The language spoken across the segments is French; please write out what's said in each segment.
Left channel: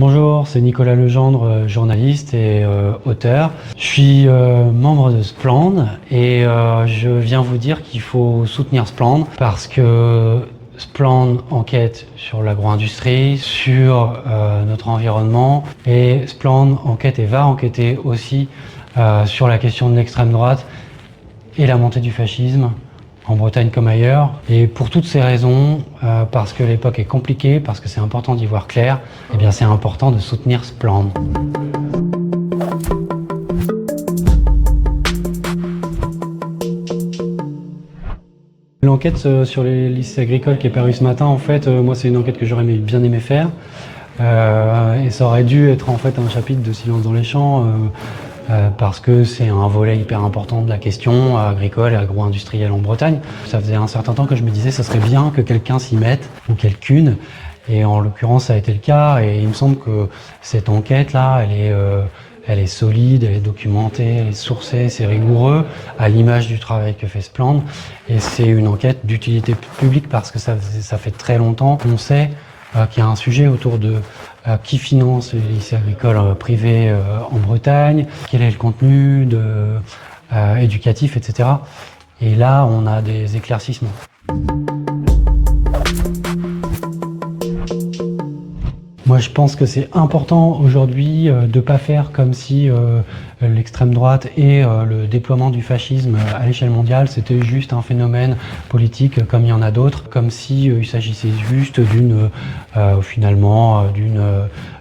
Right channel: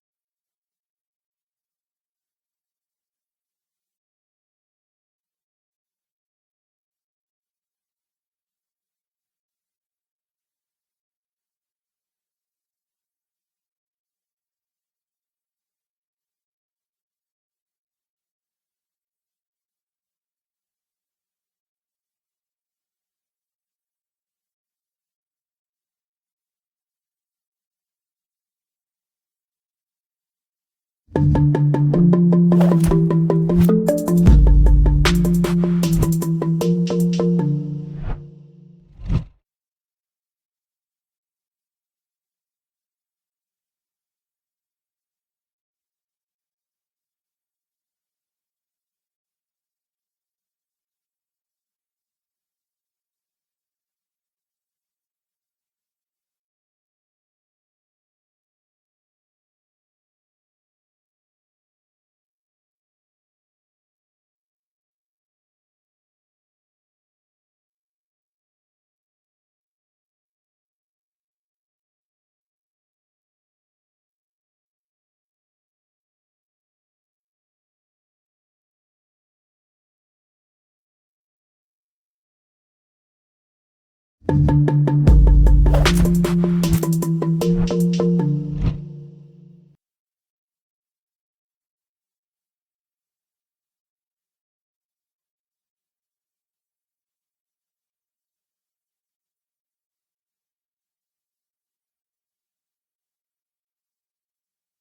Bonjour, c'est Nicolas Legendre, journaliste et auteur. Je suis membre de Splend et je viens vous dire qu'il faut soutenir Splend parce que Splend enquête sur l'agro-industrie, sur notre environnement et Splend enquête et va enquêter aussi sur la question de l'extrême droite et la montée du fascisme en Bretagne comme ailleurs. Et pour toutes ces raisons, parce que l'époque est compliquée, parce que c'est important d'y voir clair, eh bien c'est important de soutenir Splend. L'enquête sur les lycées agricoles qui est parue ce matin, en fait, moi c'est une enquête que j'aurais bien aimé faire. Et ça aurait dû être en fait un chapitre de Silence dans les champs, parce que c'est un volet hyper important de la question agricole et agro-industrielle en Bretagne. Ça faisait un certain temps que je me disais que ça serait bien que quelqu'un s'y mette, ou quelqu'une, et en l'occurrence ça a été le cas, et il me semble que cette enquête-là, elle est solide, elle est documentée, elle est sourcée, c'est rigoureux, à l'image du travail que fait Splend, et c'est une enquête d'utilité publique parce que ça fait très longtemps qu'on sait qu'il y a un sujet autour de qui finance les lycées agricoles privés en Bretagne, quel est le contenu éducatif, etc. Et là, on a des éclaircissements. Moi, je pense que c'est important aujourd'hui de ne pas faire comme si l'extrême droite et le déploiement du fascisme à l'échelle mondiale, c'était juste un phénomène politique comme il y en a d'autres, comme si il s'agissait juste d'une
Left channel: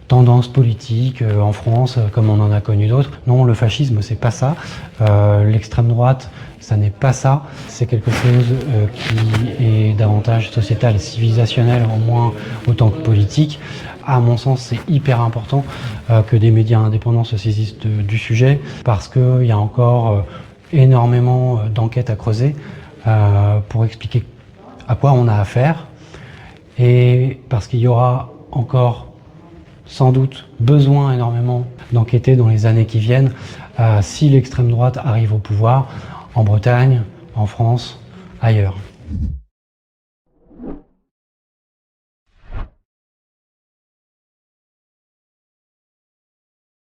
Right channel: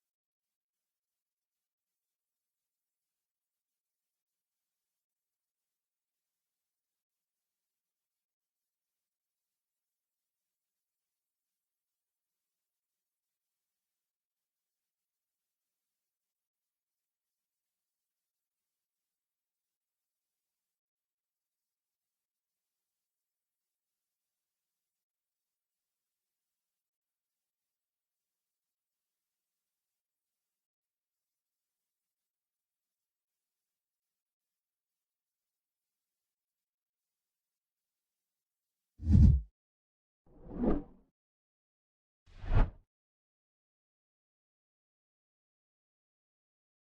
tendance politique en France, comme on en a connu d'autres. Non, le fascisme, c'est pas ça. L'extrême droite, ça n'est pas ça. C'est quelque chose qui est davantage sociétal et civilisationnel, au moins autant que politique. À mon sens, c'est hyper important que des médias indépendants se saisissent du sujet parce qu'il y a encore énormément d'enquêtes à creuser pour expliquer à quoi on a affaire et parce qu'il y aura encore sans doute besoin énormément d'enquêter dans les années qui viennent si l'extrême droite arrive au pouvoir en Bretagne, en France, ailleurs.